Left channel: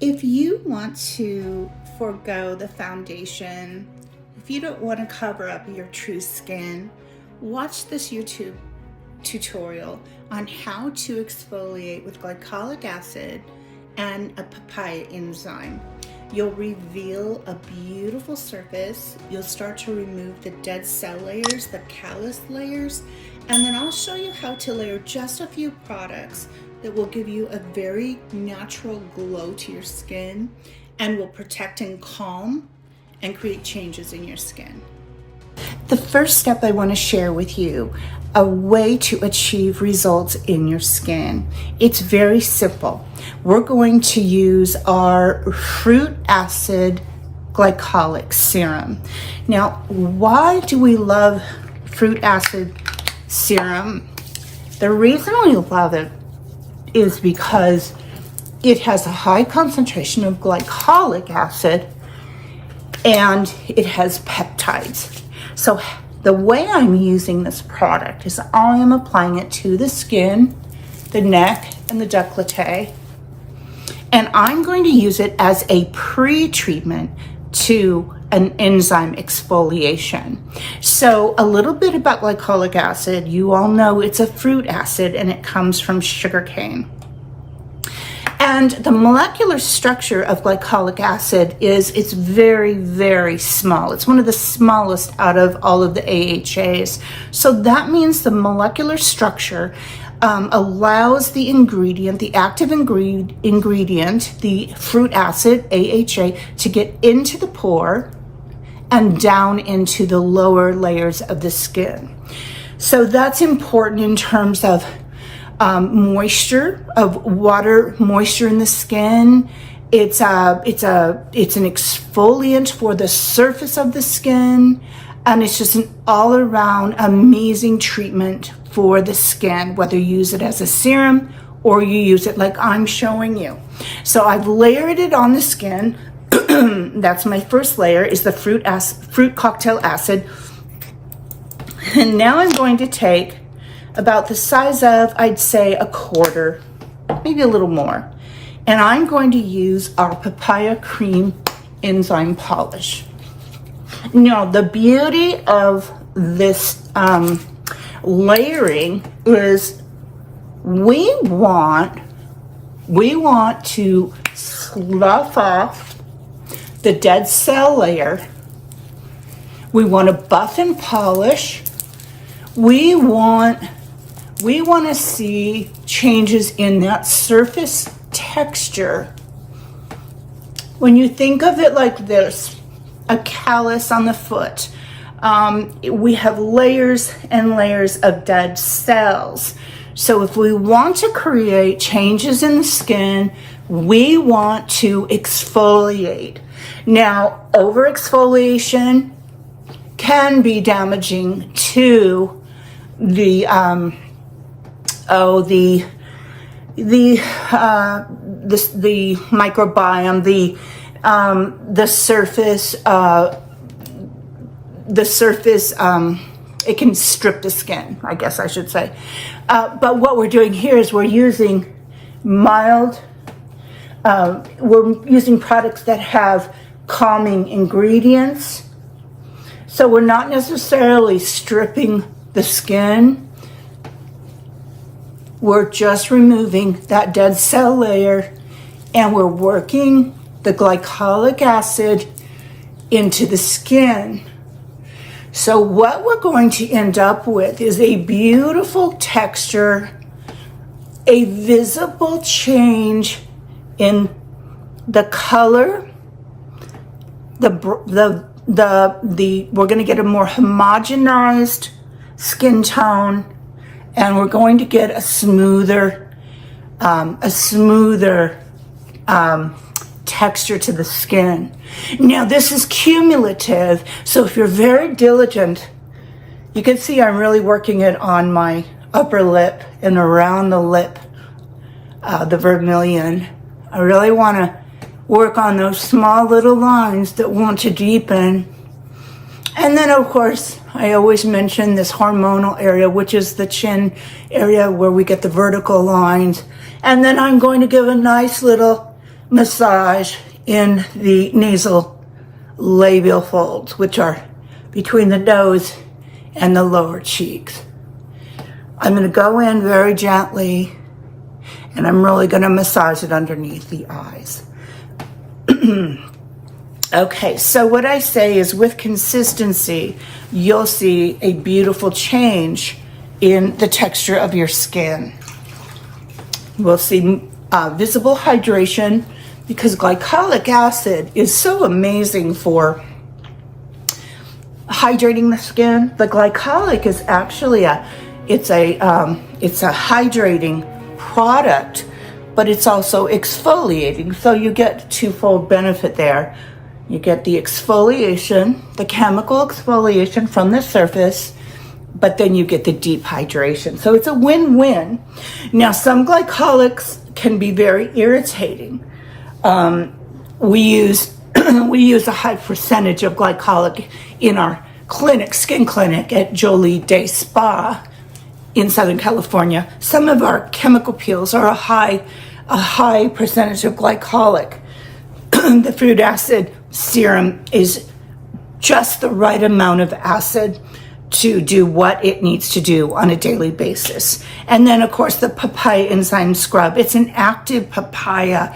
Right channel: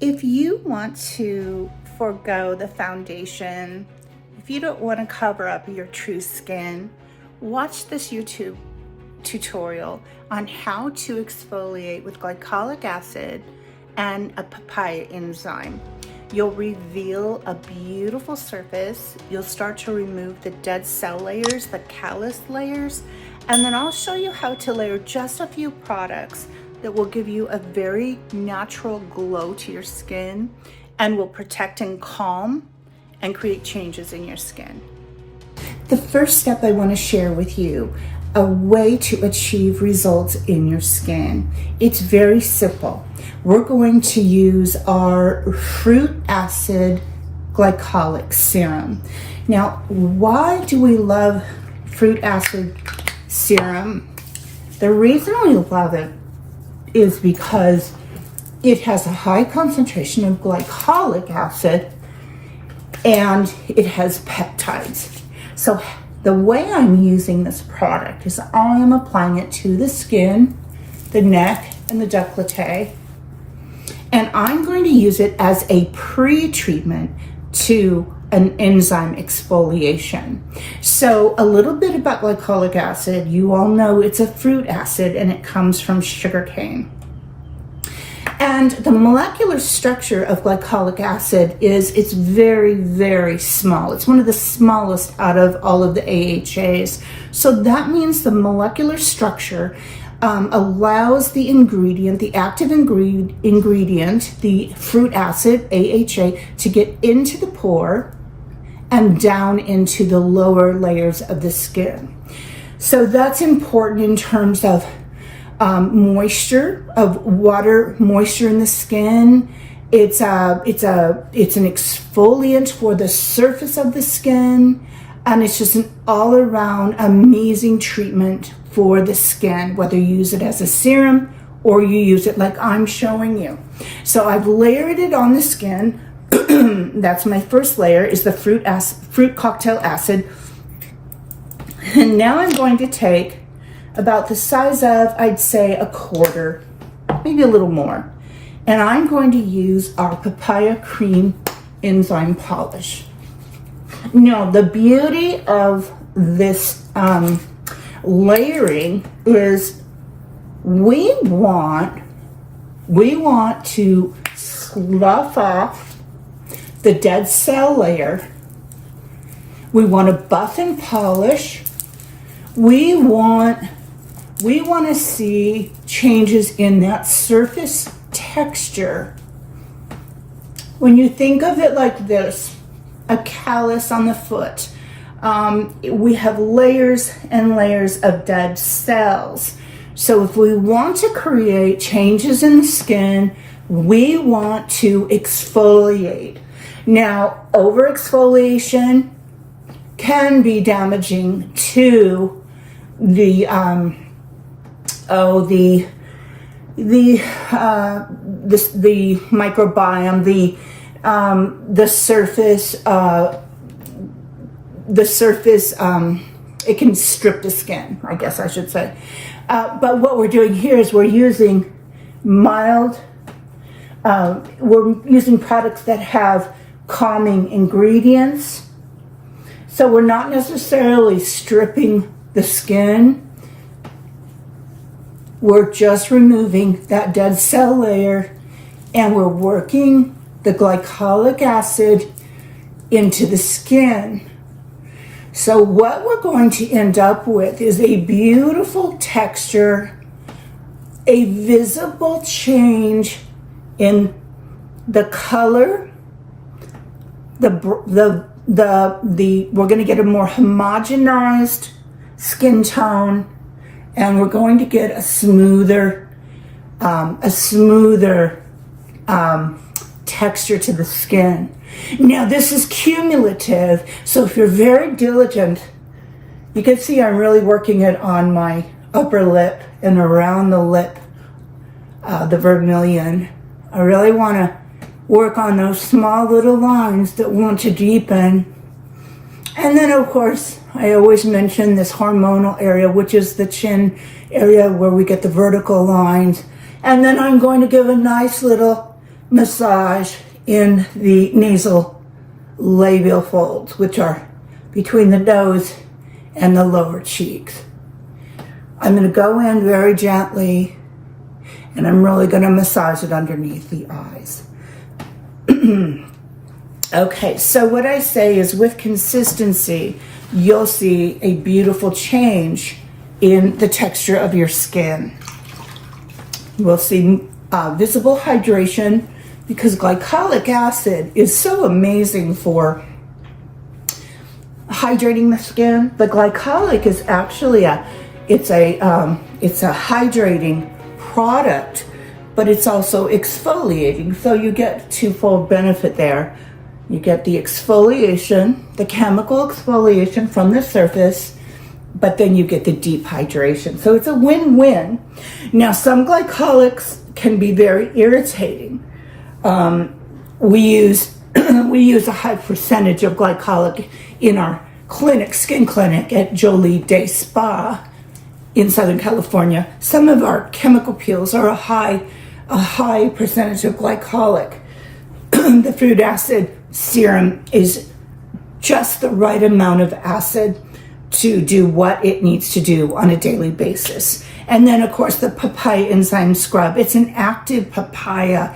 If you want to forego the foundation, if you don't want to cover up your true skin, watch this YouTube tutorial on how to exfoliate with glycolic acid and a papaya enzyme. You'll reveal a beautiful surface. You'll start to remove the dead cell layers, the callus layers, and then I'll show you how to layer just a few products that will give you a very natural glow to your skin and will protect and calm and create changes in your skin. The first step I want to share with you, a way to achieve results in your skin. It's very simple. We're going to use our fruit acid glycolic serum. Now, why do we love fruit acid serum? The reason we love it is because it has a high concentration of glycolic acid and it has peptides. So the way I'm using this product is I am applying it to the skin, the neck, and the décolleté. And I'm going to use it as a pre-treatment to an enzyme exfoliation. So a little bit about glycolic acid. You all know it's a fruit acid and it comes from sugarcane. And the molecular structure of glycolic acid it's very, very small. It's one of the smallest out of all of the AHAs. So that means the molecular structure allows the ingredient, the active ingredient, the fruit acid, AHA, to get into the pore and down into the lower layers of the skin. So that's important in terms of moisture, of water, moisture in the skin. It's an exfoliant for the surface of the skin, and it's just an all-around amazing treatment for the skin, whether you use it as a serum or you use it like I'm showing you. So I've layered it on the skin. That's my first layer, is the fruit cocktail acid. And now I'm going to take about the size of, I'd say, a quarter, maybe a little more. And I'm going to use our papaya cream enzyme polish. Now, the beauty of this layering is we want to slough off the dead cell layer. We want to buff and polish. We want to see changes in that surface texture. When you think of it like this, a callus on the foot, we have layers and layers of dead cells. So if we want to create changes in the skin, we want to exfoliate. Now, over exfoliation can be damaging to the microbiome, the surface, it can strip the skin, I guess I should say. But what we're doing here is we're using we're using products that have calming ingredients. So we're not necessarily stripping the skin. We're just removing that dead cell layer and we're working the glycolic acid into the skin. So what we're going to end up with is a beautiful texture, a visible change in the color, we're going to get a more homogenized skin tone, and we're going to get a smoother texture to the skin. Now, this is cumulative, so if you're very diligent, you can see I'm really working it on my upper lip and around the lip, the vermilion. I really want to work on those small little lines that want to deepen. And then, of course, I always mention this hormonal area, which is the chin area where we get the vertical lines. And then I'm going to give a nice little massage in the nasal labial folds, which are between the nose and the lower cheeks. I'm going to go in very gently, and I'm really going to massage it underneath the eyes. Okay, so what I say is with consistency, you'll see a beautiful change in the texture of your skin. We'll see visible hydration, because glycolic acid is so amazing for hydrating the skin. The glycolic is actually it's a hydrating product, but it's also exfoliating. So you get twofold benefit there. You get the exfoliation, the chemical exfoliation from the surface, but then you get the deep hydration. So it's a win-win. Now, some glycolics can be very irritating. We use a high percentage of glycolic in our clinic, skin clinic at Joli Visage Spa in Southern California. Some of our chemical peels are a high percentage of glycolic. The fruit acid serum is just the right amount of acid to do what it needs to do on a daily basis. And then, of course, the papaya enzyme scrub. It's an active papaya.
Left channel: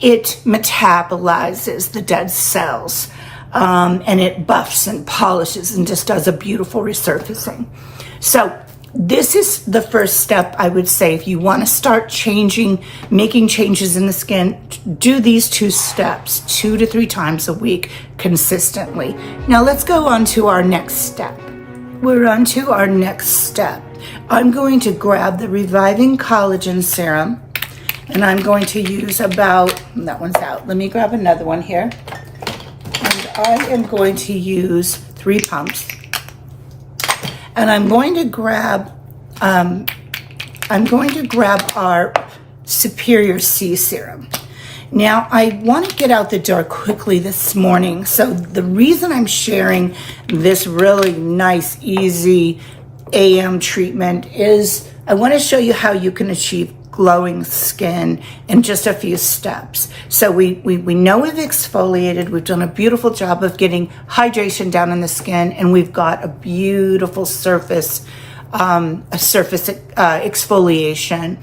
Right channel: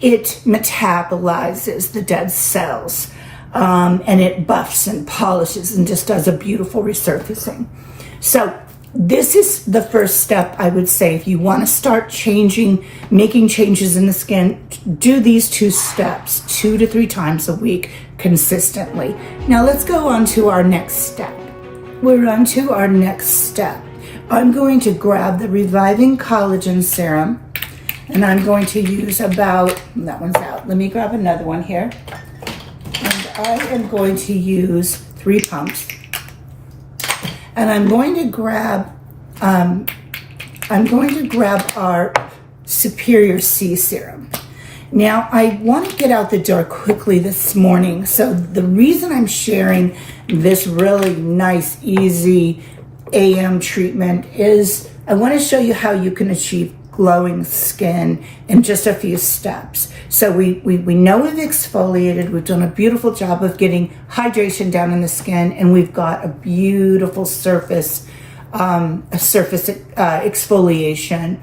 It metabolizes the dead cells, and it buffs and polishes and just does a beautiful resurfacing. So this is the first step, I would say. If you want to start making changes in the skin, do these 2 steps 2 to 3 times a week consistently. Now let's go on to our next step. We're on to our next step. I'm going to grab the Reviving Collagen Serum, and I'm going to use that one's out. Let me grab another one here. And I am going to use 3 pumps. And I'm going to grab our Superior C serum. Now, I want to get out the door quickly this morning. So the reason I'm sharing this really nice, easy AM treatment is I want to show you how you can achieve glowing skin in just a few steps. So we know we've exfoliated, we've done a beautiful job of getting hydration down in the skin, and we've got a beautiful surface exfoliation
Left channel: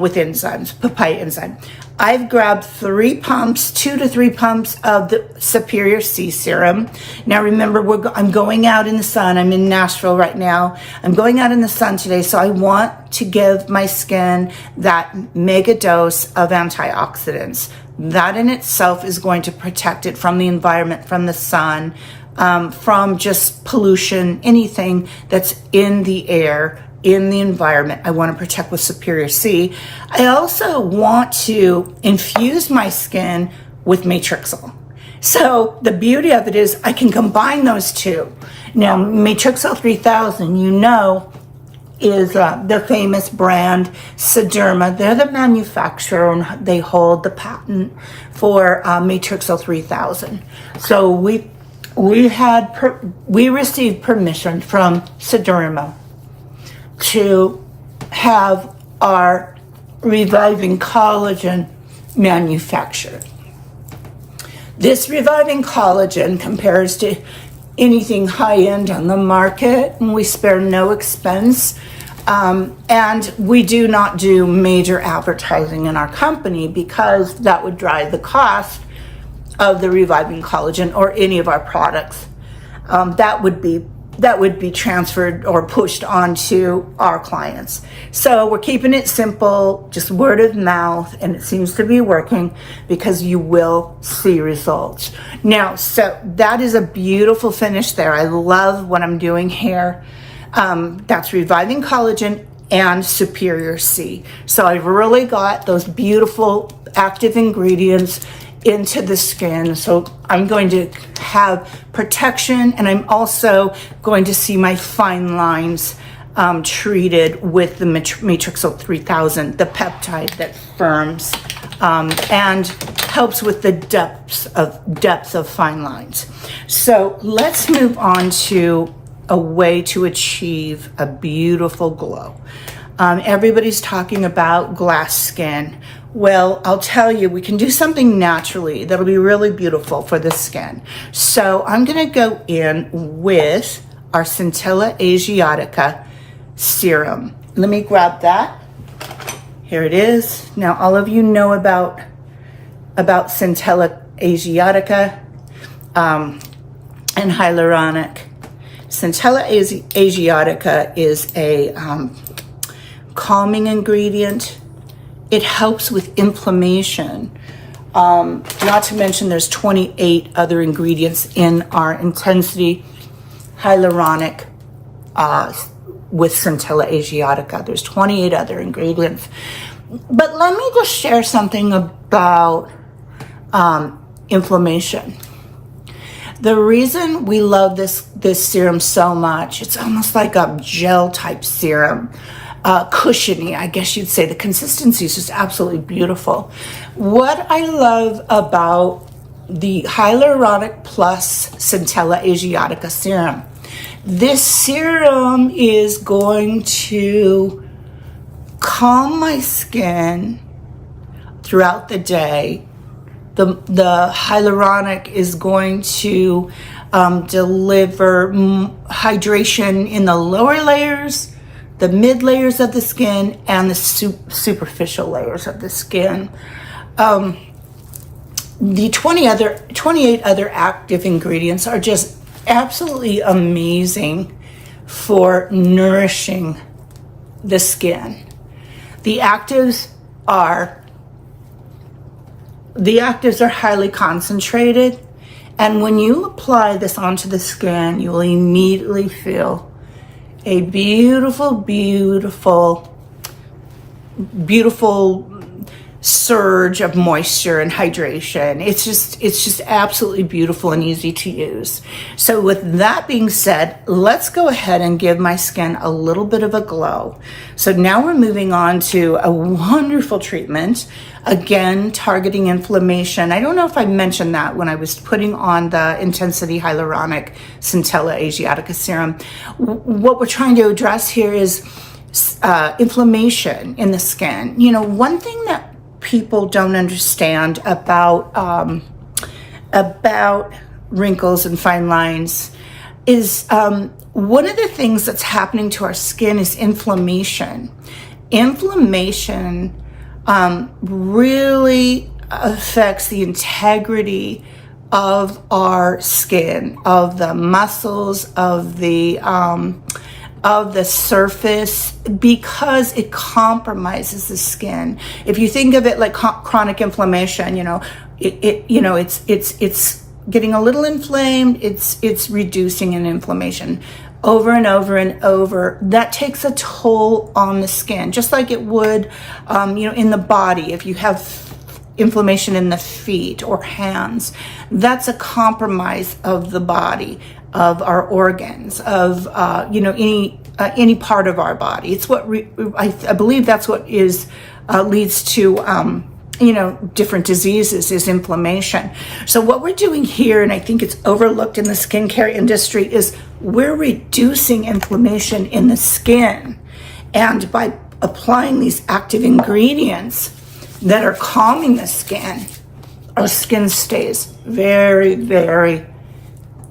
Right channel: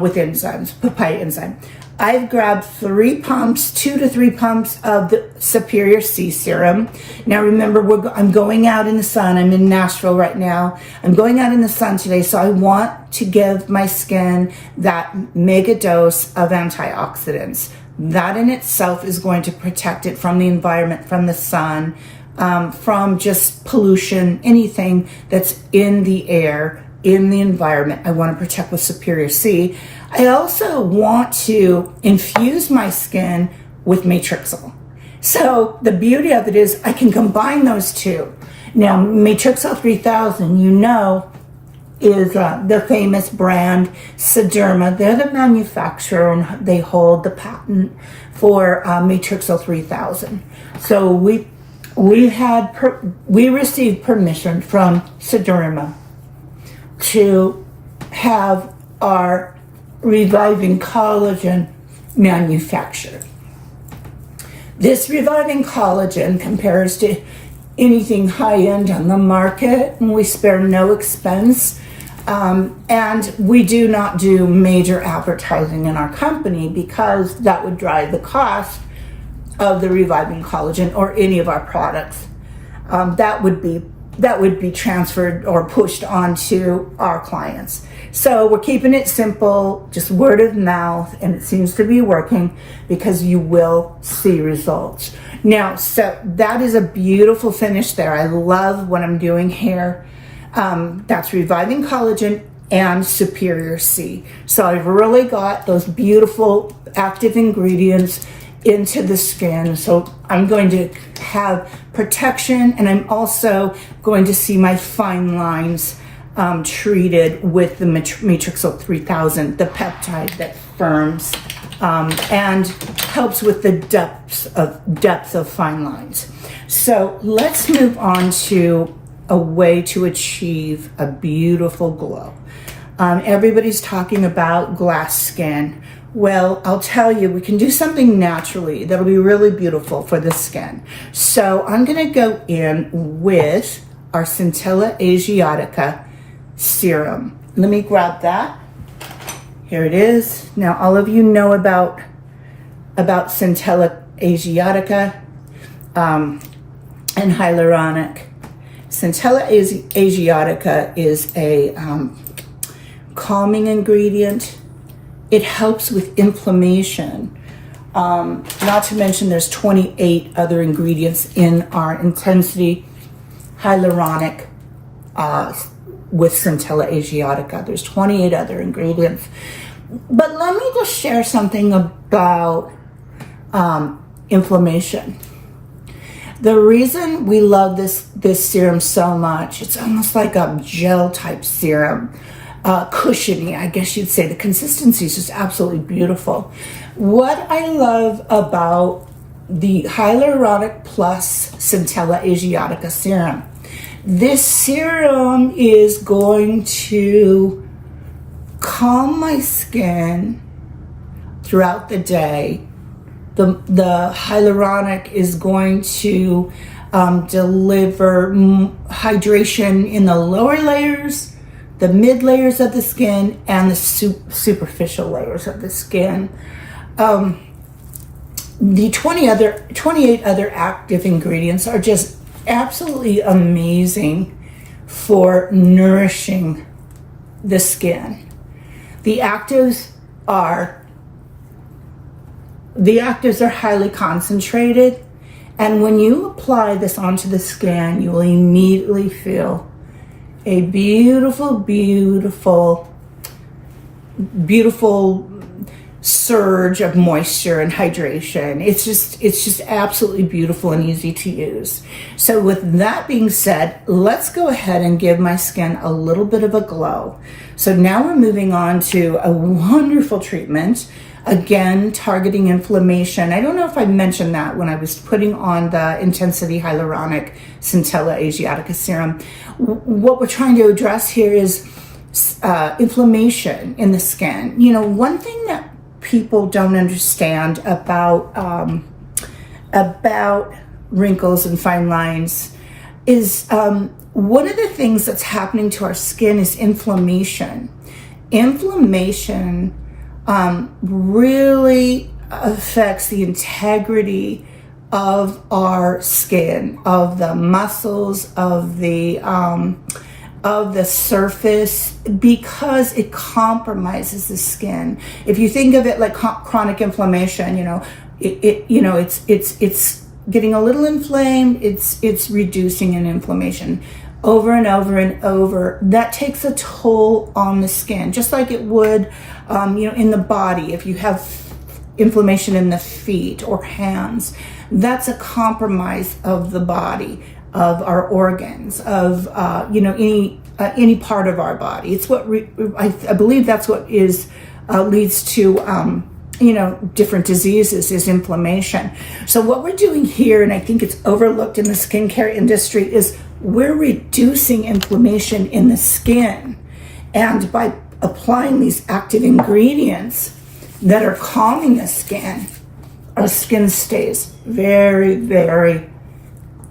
with enzymes, papaya enzyme. I've grabbed 2 to 3 pumps of the Superior C serum. Now remember, I'm going out in the sun. I'm in Nashville right now. I'm going out in the sun today, so I want to give my skin that mega dose of antioxidants. That in itself is going to protect it from the environment, from the sun, from just pollution, anything that's in the air, in the environment. I want to protect with Superior C. I also want to infuse my skin with Matrixyl. So the beauty of it is I can combine those 2. Now, Matrixyl 3000, is the famous brand Sederma. They're the manufacturer, and they hold the patent for Matrixyl 3000. So we received permission from Sederma to have our Reviving Collagen manufactured. This Reviving Collagen compares to anything high-end on the market, and we spare no expense. And we do not do major advertising in our company because that would drive the cost of the Reviving Collagen or any of our products. That would be transferred or pushed onto our clients. So we're keeping it simple, just word of mouth, and it seems to be working because you will see results. Now, so that is a beautiful finish there. I love what I'm doing here. That's Reviving Collagen and Superior C. So I've really got those beautiful active ingredients into the skin. So I'm going to have protection, and I'm also going to see my fine lines treated with the Matrixyl 3000, the peptide that firms and helps with the depth of fine lines. So let's move on to a way to achieve a beautiful glow. Everybody's talking about glass skin. Well, I'll tell you, we can do something naturally that'll be really beautiful for the skin. So I'm gonna go in with our Centella Asiatica serum. Let me grab that. Here it is. Now, all of you know about Centella Asiatica and hyaluronic. Centella Asiatica is a calming ingredient. It helps with inflammation. Not to mention there's 28 other ingredients in our Intensity Hyaluronic with Centella Asiatica. There's 28 other ingredients. But let me just share something about inflammation. The reason we love this serum so much, it's almost like a gel type serum. Cushiony, I guess you'd say. The consistency is just absolutely beautiful. What I love about the Hyaluronic Plus Centella Asiatica serum, this serum is going to calm my skin throughout the day. The hyaluronic is going to deliver hydration in the lower layers, the mid layers of the skin, and the superficial layers of the skin. The 28 other active ingredients are just absolutely amazing for nourishing the skin. The actives are highly concentrated, and when you apply this onto the skin, you will immediately feel a beautiful, beautiful, beautiful surge of moisture and hydration. It's just absolutely beautiful and easy to use. So with that being said, let's go ahead and give my skin a little bit of a glow. So now we're moving on to a wonderful treatment, again targeting inflammation. I don't know if I mentioned that when I was putting on the Intensity Hyaluronic Centella Asiatica serum. What we're trying to address here is inflammation in the skin. You know, one thing that people don't understand about wrinkles and fine lines is one of the things that's happening to our skin is inflammation. Inflammation really affects the integrity of our skin, of the muscles, of the surface, because it compromises the skin. If you think of it like chronic inflammation, it's getting a little inflamed, it's reducing in inflammation over and over and over. That takes a toll on the skin, just like it would, in the body. If you have inflammation in the feet or hands, that's a compromise of the body, of our organs, of any part of our body. It's what I believe that's what leads to different diseases, is inflammation. So what we're doing here, and I think it's overlooked in the skincare industry, is we're reducing inflammation in the skin. And by applying these active ingredients that are calming the skin, our skin stays very, very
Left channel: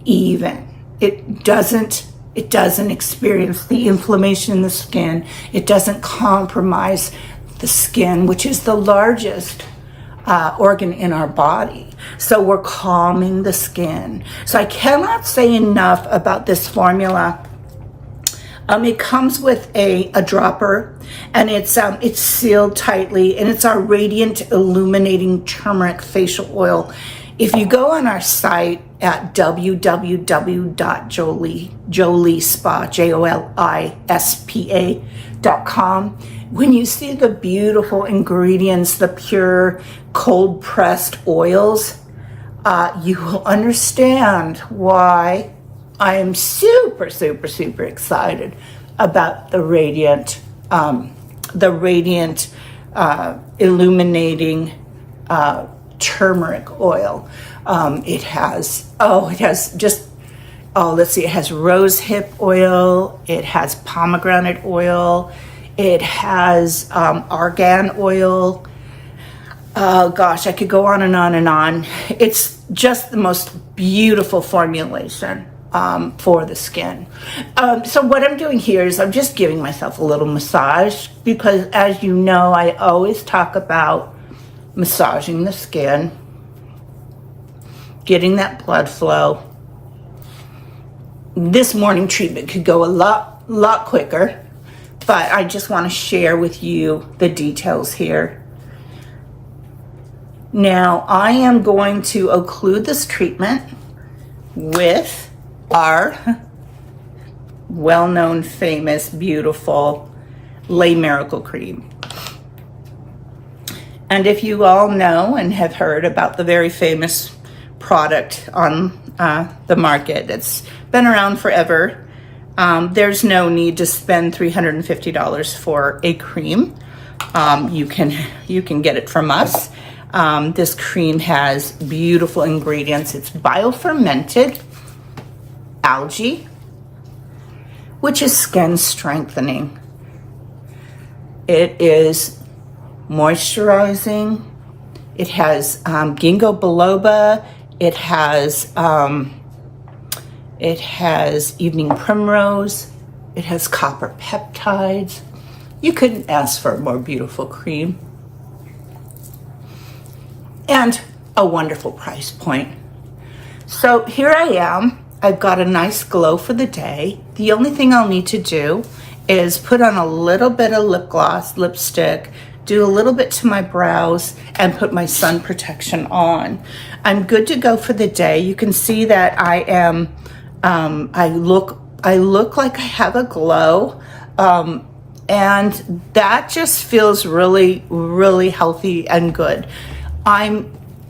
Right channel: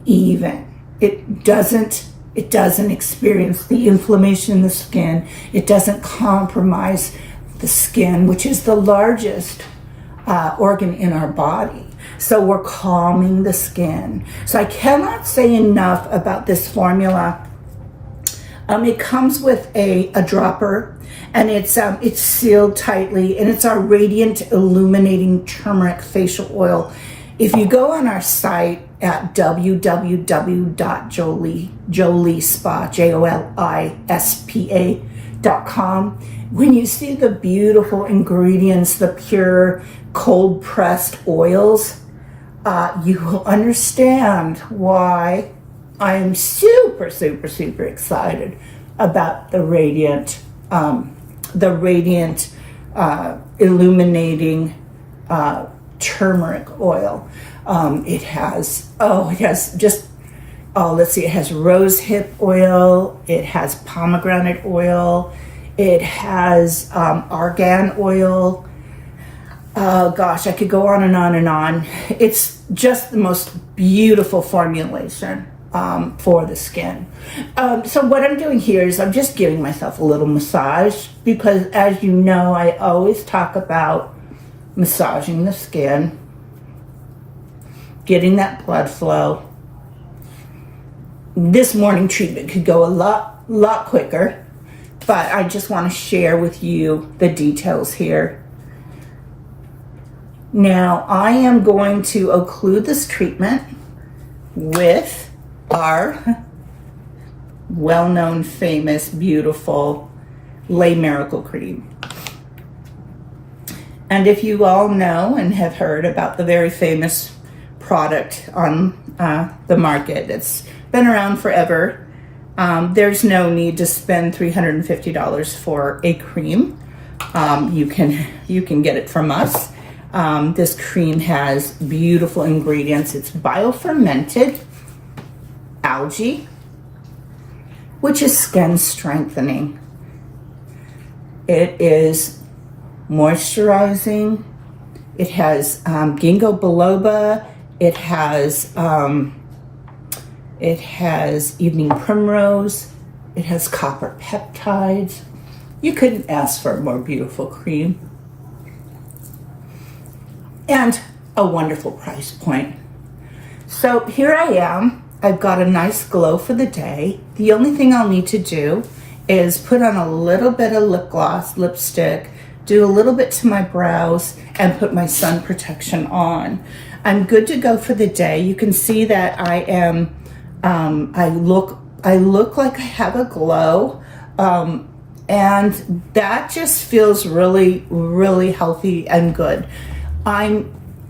even. It doesn't experience the inflammation in the skin. It doesn't compromise the skin, which is the largest organ in our body. So we're calming the skin. So I cannot say enough about this formula. It comes with a dropper, and it's sealed tightly, and it's our Radiant Illuminating Turmeric Facial Oil. If you go on our site at www.jolispa.com, when you see the beautiful ingredients, the pure cold pressed oils, you will understand why I am super, super, super excited about the Radiant Illuminating Turmeric Oil. It has rosehip oil, it has pomegranate oil, it has argan oil, Oh gosh, I could go on and on and on. It's just the most beautiful formulation for the skin. So what I'm doing here is I'm just giving myself a little massage, because as you know, I always talk about massaging the skin, getting that blood flow. This morning treatment could go a lot quicker, but I just want to share with you the details here. Now, I am going to occlude this treatment with our well-known, famous, beautiful Lay Miracle Cream. And if you all know and have heard about the very famous product on the market, it's been around forever. There's no need to spend $350 for a cream. You can get it from us. This cream has beautiful ingredients. It's biofermented algae, which is skin strengthening. It is moisturizing. It has ginkgo biloba. It has evening primrose. It has copper peptides. You couldn't ask for a more beautiful cream. And a wonderful price point. So here I am. I've got a nice glow for the day. The only thing I'll need to do is put on a little bit of lip gloss, lipstick, do a little bit to my brows, and put my sun protection on. I'm good to go for the day. You can see that I am, I look like I have a glow. And that just feels really, really healthy and good.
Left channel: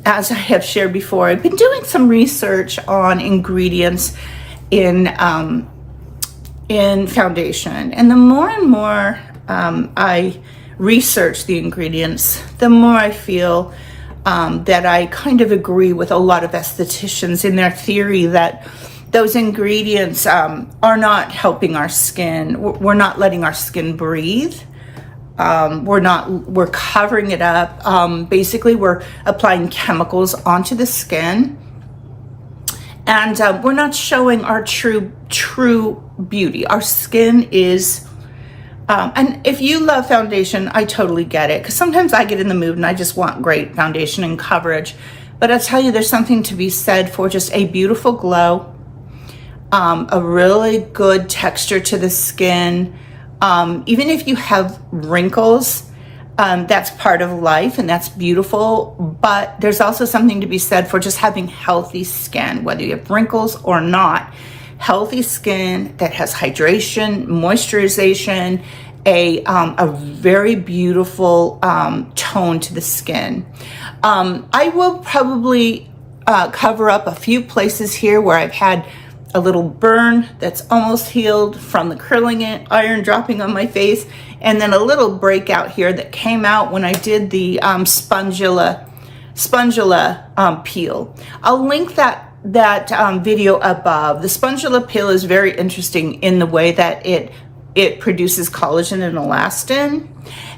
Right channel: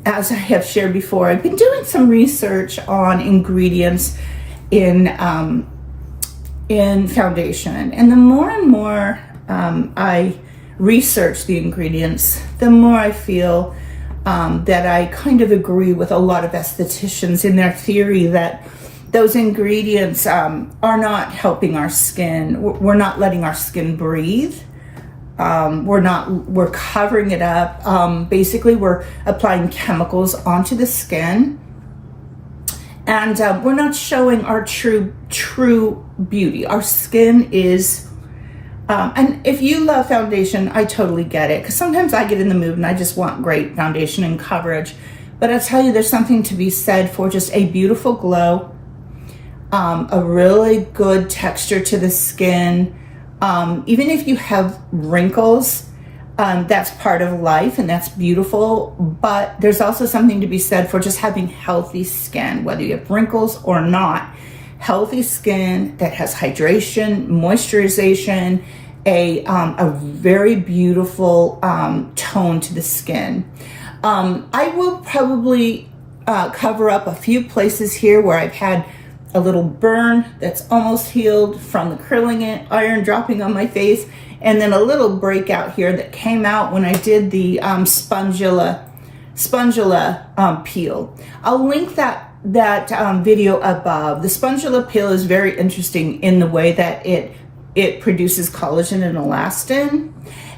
As I have shared before, I've been doing some research on ingredients in foundation. And the more and more I research the ingredients, the more I feel that I kind of agree with a lot of estheticians in their theory that those ingredients are not helping our skin. We're not letting our skin breathe. We're covering it up. Basically, we're applying chemicals onto the skin, and we're not showing our true beauty. Our skin is, and if you love foundation, I totally get it, because sometimes I get in the mood and I just want great foundation and coverage. But I tell you, there's something to be said for just a beautiful glow, a really good texture to the skin. Even if you have wrinkles, that's part of life and that's beautiful, but there's also something to be said for just having healthy skin, whether you have wrinkles or not. Healthy skin that has hydration, moisturization, a very beautiful tone to the skin. I will probably cover up a few places here where I've had a little burn that's almost healed from the curling iron dropping on my face, and then a little breakout here that came out when I did the spongula peel. I'll link that video above. The spongula peel is very interesting in the way that it produces collagen and elastin,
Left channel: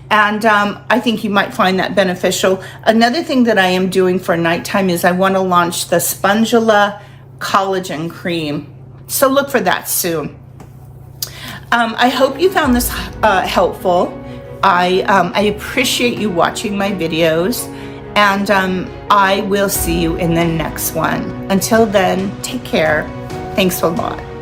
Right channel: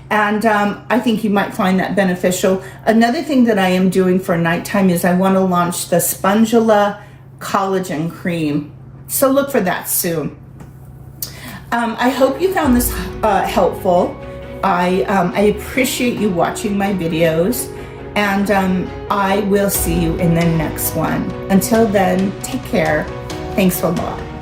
and I think you might find that beneficial. Another thing that I am doing for nighttime is I want to launch the spongula collagen cream, so look for that soon. I hope you found this helpful. I appreciate you watching my videos, and I will see you in the next one. Until then, take care. Thanks a lot.